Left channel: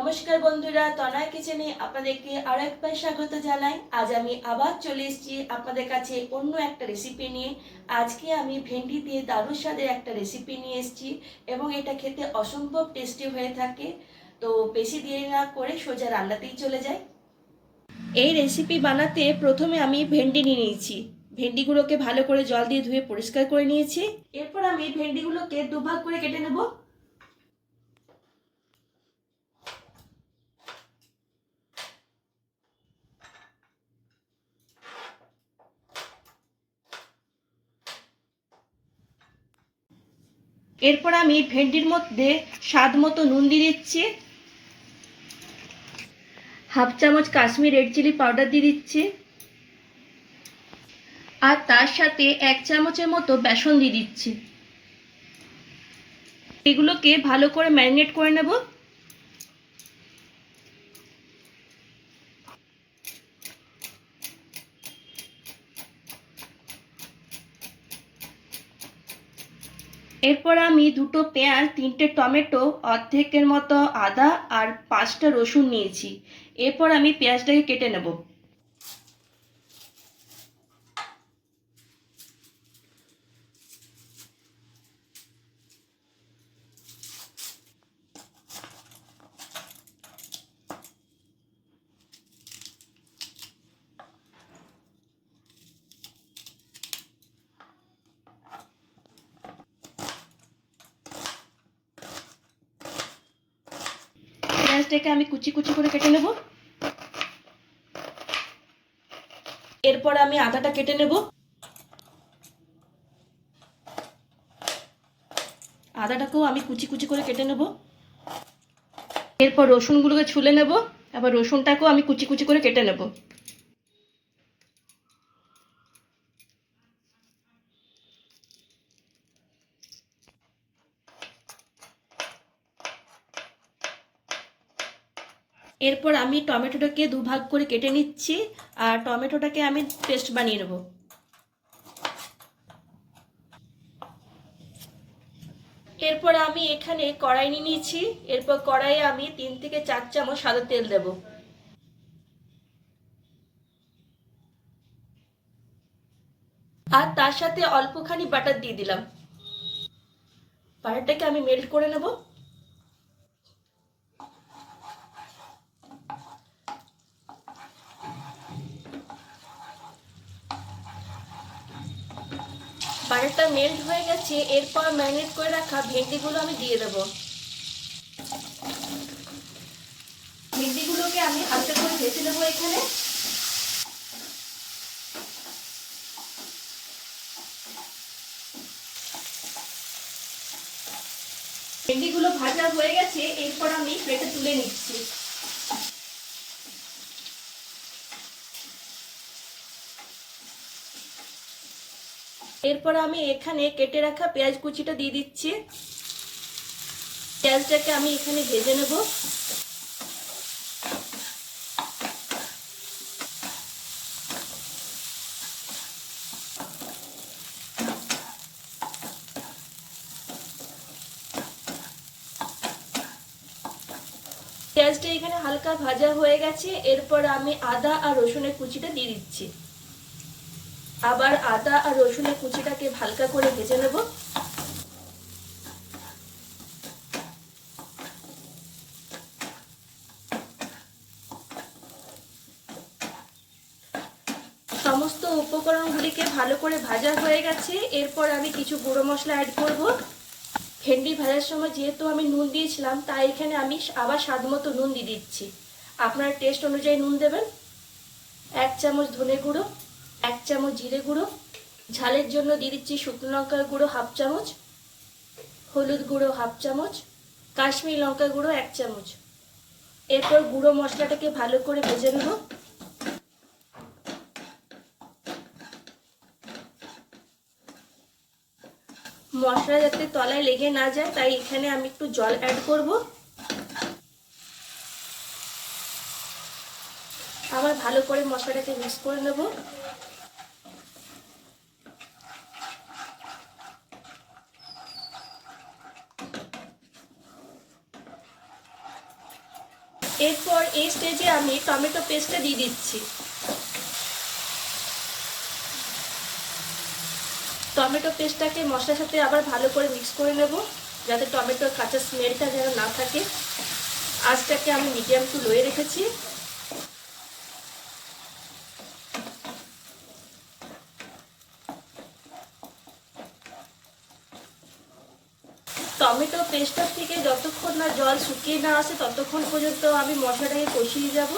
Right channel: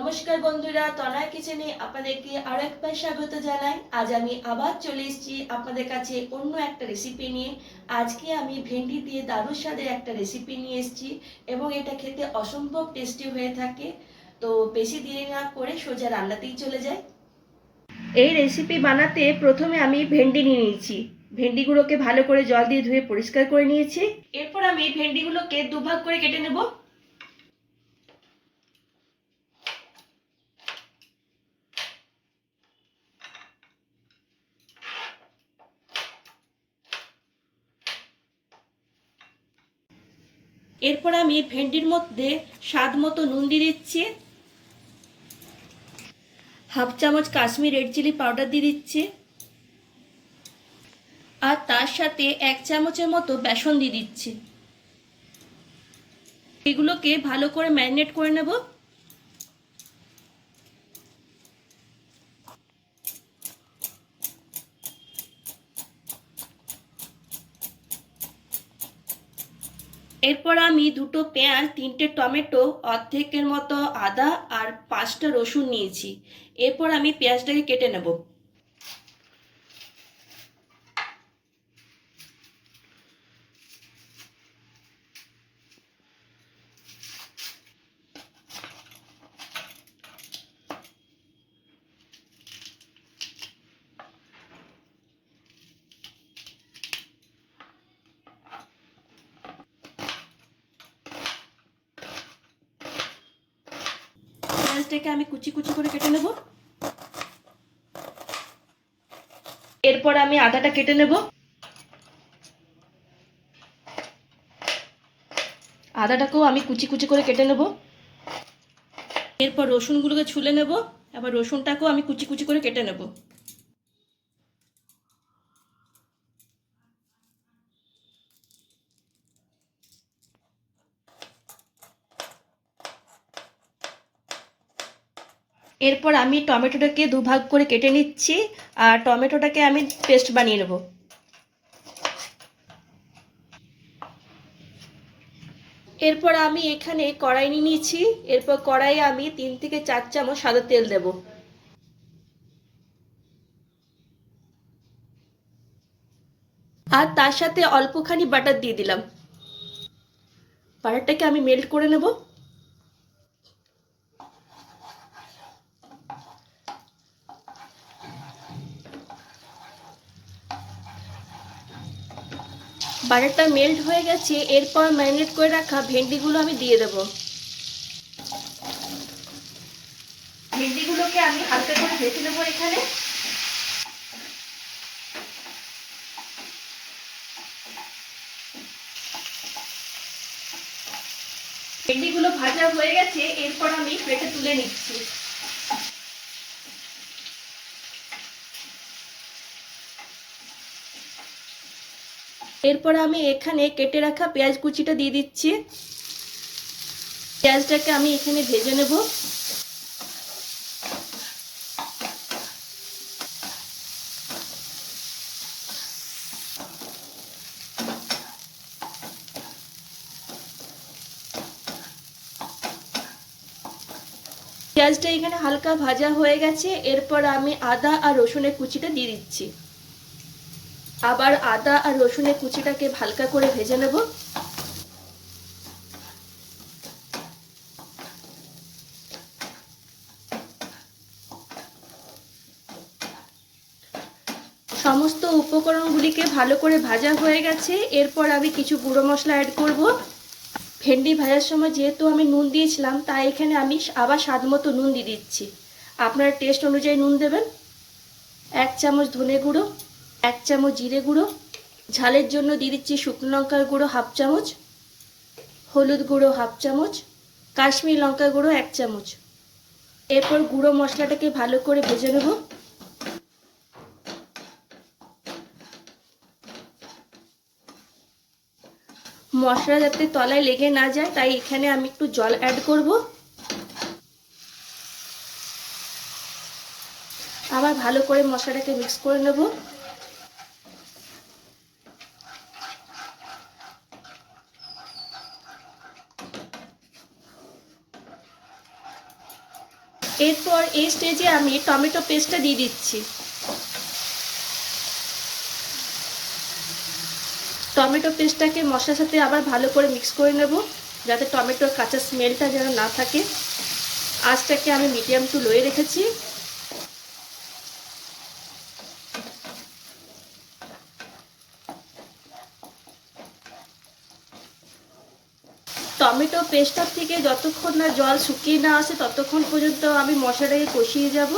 নমস্কার বন্ধুরা, তনয় কিচেনে আপনাদেরকে আরও একবার স্বাগত জানাই। আজ আমি আবার চলে এসেছি আপনাদের কাছে অন্য একটা রেসিপি নিয়ে। আজকে আমি ভেন্ডি দিয়ে দারুণ স্বাদের একটা রেসিপি নিয়ে এসেছি এবং এটা খেতে অসম্ভব টেস্টি হয়ে থাকে। তো বেশি দেরি না করে সোজা রান্নাতেই চলে যাই। এই রেসিপি বানাতে প্রথমে আমি ভেন্ডি নিয়ে নিয়েছি। ভেন্ডিগুলোকে ভালো করে জল দিয়ে ধুয়ে পরিষ্কার করে নিয়েছি। এরপর আমি ভেন্ডিগুলোকে দুভাগ করে কেটে নেব। এরপর আমি ভেন্ডির মধ্যে স্বাদ মতো নুন দিয়ে দিচ্ছি, হাফ চামচ কাশ্মীর রেড চিলি পাউডার দিয়ে দিচ্ছি, আর তার সাথে 1 চামচের মতো বেসন দিয়ে দিচ্ছি। এগুলোকে ভালো করে ম্যারিনেট করে নেব। এরপর আমি 2টো পেঁয়াজ, 3টে টমেটো, অর্ধেকের মতো আদা আর 5টা রসুন নিয়েছি। এরপর আমি পেঁয়াজটাকে কেটে নেব। পেঁয়াজটাকে আমি কুচি কুচি করে কেটে নেব। এরপর আমি আদাটা কেটে নেব। আদাটাকেও আমি কুচি কুচি করে কেটে নেব। এরপর রসুনগুলোকে ছুলে নেব। আবার রসুনটাকেও আমি কুচি কুচি করে কেটে নেব। এরপর আমি টমেটোটাকে দুভাগ করে কেটে নিচ্ছি, আর টমেটোটাকে আমি পেস্ট বানিয়ে নেব। এরপর আমি এখানে কড়াই নিয়ে নিয়েছি। এরপর কড়াইয়ে আমি 3 থেকে 4 চামচ সাদা তেল দেব, আর তার সাথে অল্পখানি বাটার দিয়ে দিলাম। বাটারটাকে আমি মেল্ট করে নেব। বাটারটা মেল্ট হয়ে গেছে। এরপর ম্যারিনেট করে রাখা ভেন্ডিগুলো আমি দিয়ে দেব। ভেন্ডিগুলোকে আমি হালকা করে ভেজে নেবো এখানে। ভেন্ডিগুলো ভাজা হয়ে গেছে। এরপর আমি প্লেটে তুলে নিচ্ছি। এরপর আমি এখানে কেটে রাখা পেঁয়াজ কুচিটা দিয়ে দিচ্ছি। পেঁয়াজটাকে আমি এখানে ভেজে নেব। পেঁয়াজটা এখানে হালকা ভাজা হয়ে গেছে। এরপর আমি আদা আর রসুনের কুচিটা দিয়ে দিচ্ছি। আবার আদা আর রসুনের কুচিটাকে হালকা করে ভেজে নেব। সমস্ত উপকরণগুলিকে ভালো করে ভাজা হয়ে গেছে। এরপর আমি কিছু গুঁড়ো মশলা অ্যাড করব। ভেন্ডি ভাজার সময় যেহেতু আমি নুন দিয়েছিলাম, তাই এখানে আমি আবার স্বাদ মতো নুন দিয়ে দিচ্ছি। আপনার টেস্ট অনুযায়ী নুন দেবেন। 1 চামচ ধনে গুঁড়ো, 1 চামচ জিরে গুঁড়ো, ঝালের জন্য দিয়ে দিচ্ছি শুকনো লঙ্কার গুঁড়ো 1/2 চামচ, হলুদ গুঁড়ো 1/2 চামচ, কাশ্মীরি লঙ্কা গুঁড়ো 1 চামচ। এরপর গুঁড়ো মশলাটাকে ভালো করে ভেজে নেব। মশলা যাতে তলায় লেগে না যায়, তাই এখানে আমি একটু জল অ্যাড করব। আবার ভালো করে মশলাটাকে মিক্স করে নেব। এরপর এই স্টেজে আমি টমেটো পেস্টটা দিয়ে দিচ্ছি। টমেটো পেস্টটাকে মশলার সাথে আবার ভালো করে মিক্স করে নেব, যাতে টমেটোর কাঁচা স্মেলটা যেন না থাকে। আঁচটাকে আমি মিডিয়াম টু লোয়ে রেখেছি। টমেটো পেস্টটার থেকে যতক্ষণ না জল শুকিয়ে না আসে ততক্ষণ পর্যন্ত আমি মশলাটাকে কষিয়ে যাব।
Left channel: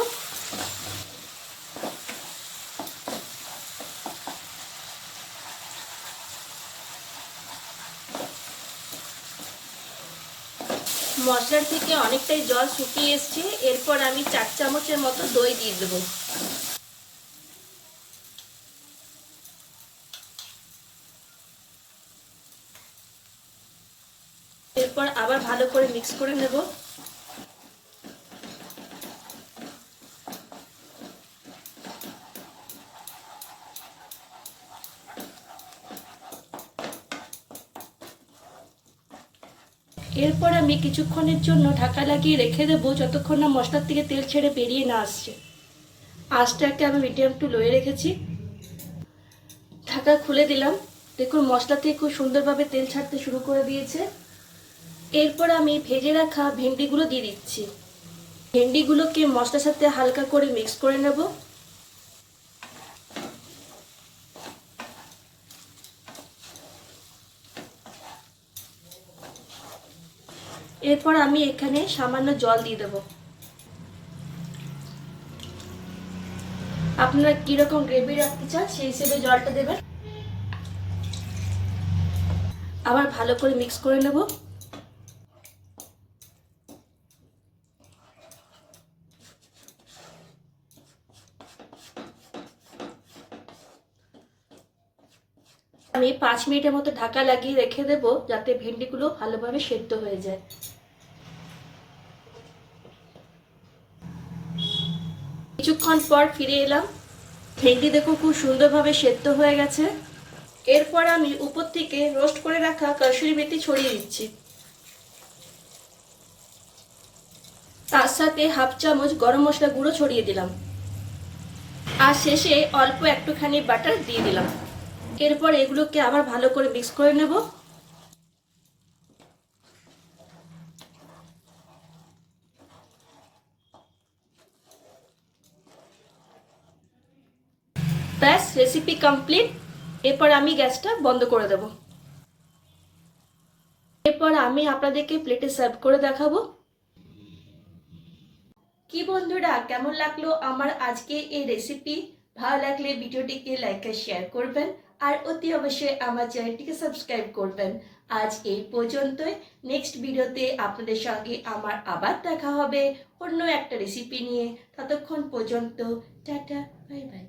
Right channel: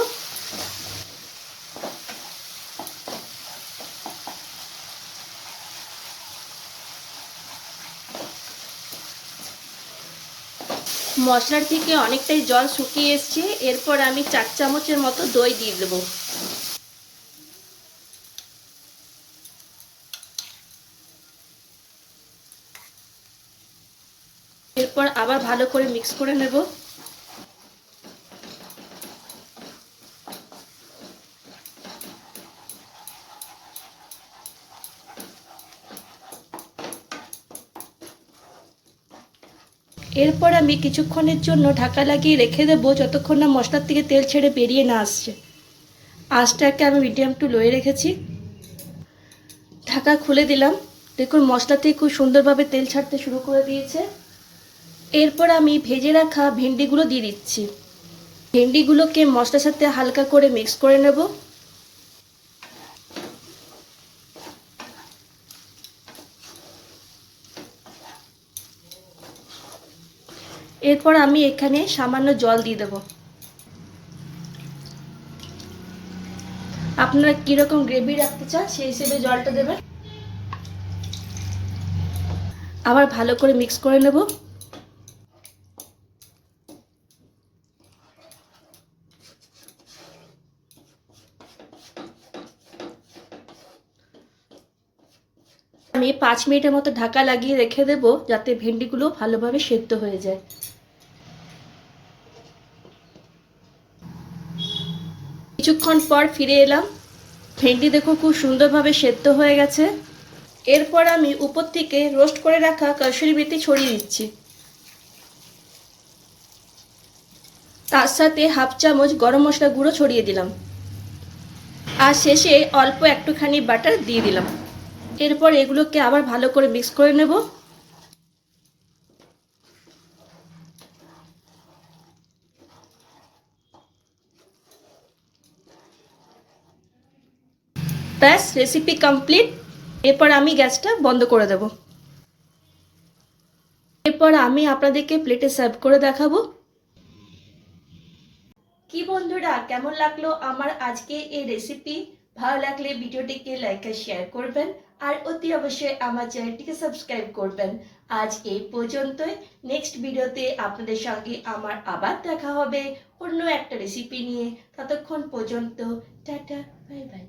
মশলার থেকে অনেকটাই জল শুকিয়ে এসছে। এরপর আমি 4 চামচের মতো দই দিয়ে দেবো। এরপর আবার ভালো করে মিক্স করে নেব। এরপর আমি কিছুক্ষণের জন্য ঢাকা লাগিয়ে রেখে দেবো, যতক্ষণ না মশলার থেকে তেল ছেড়ে বেরিয়ে না আসছে। আঁচটাকে আমি মিডিয়াম টু লোয়ে রেখেছি। ঢাকা খুলে দিলাম। দেখুন মশলা থেকে খুব সুন্দরভাবে তেল ছাড়তে শুরু করে দিয়েছে। এরপর আমি ভেজে রাখা ভেন্ডিগুলো দিয়ে দিচ্ছি। ভেন্ডিগুলোকে মশলার সাথে হালকা করে মিক্স করে নেব। এরপর আমি এখানে সামান্য জল দিয়ে দেব। আপনারা কিরকম গ্রেভি রাখতে চান সেই হিসেবে জলটা দেবেন। আবার ভালো করে মিক্স করে নেব। আমি 5 মিনিটের মতো ঢাকা লাগিয়ে রেখে দেব, যাতে ভেন্ডিগুলো ভালোভাবে সেদ্ধ হয়ে যায়। কিছুক্ষণ পর ফিরে এলাম। ভেন্ডি দেখো খুব সুন্দরভাবে সেদ্ধ হয়ে গেছে। এরপর আমি উপর থেকে রোস্ট করে রাখা কসুরি মেথি ছড়িয়ে দিচ্ছি। তার সাথে হাফ চামচ গরম মশলা গুঁড়ো ছড়িয়ে দিলাম। আর শেষে অল্প একটুখানি বাটার দিয়ে দিলাম। এরপর এগুলোকে আবার ভালো করে মিক্স করে নেব। ব্যাস, রেসিপি কমপ্লিট। এরপর আমি গ্যাসটা বন্ধ করে দেব। এরপর আমি আপনাদেরকে প্লেটে সার্ভ করে দেখাবো। কি বন্ধুরা, কেমন লাগলো আমার আজকে এই রেসিপি? ভালো লাগলে ভিডিওটিকে লাইক আর শেয়ার করবেন, আর অতি অবশ্যই আমার চ্যানেলটিকে সাবস্ক্রাইব করবেন। আজ এই পর্যন্তই। নেক্সট ভিডিওতে আপনাদের সঙ্গে আমার আবার দেখা হবে অন্য একটা রেসিপি নিয়ে। ততক্ষণ পর্যন্ত টাটা, বাই বাই।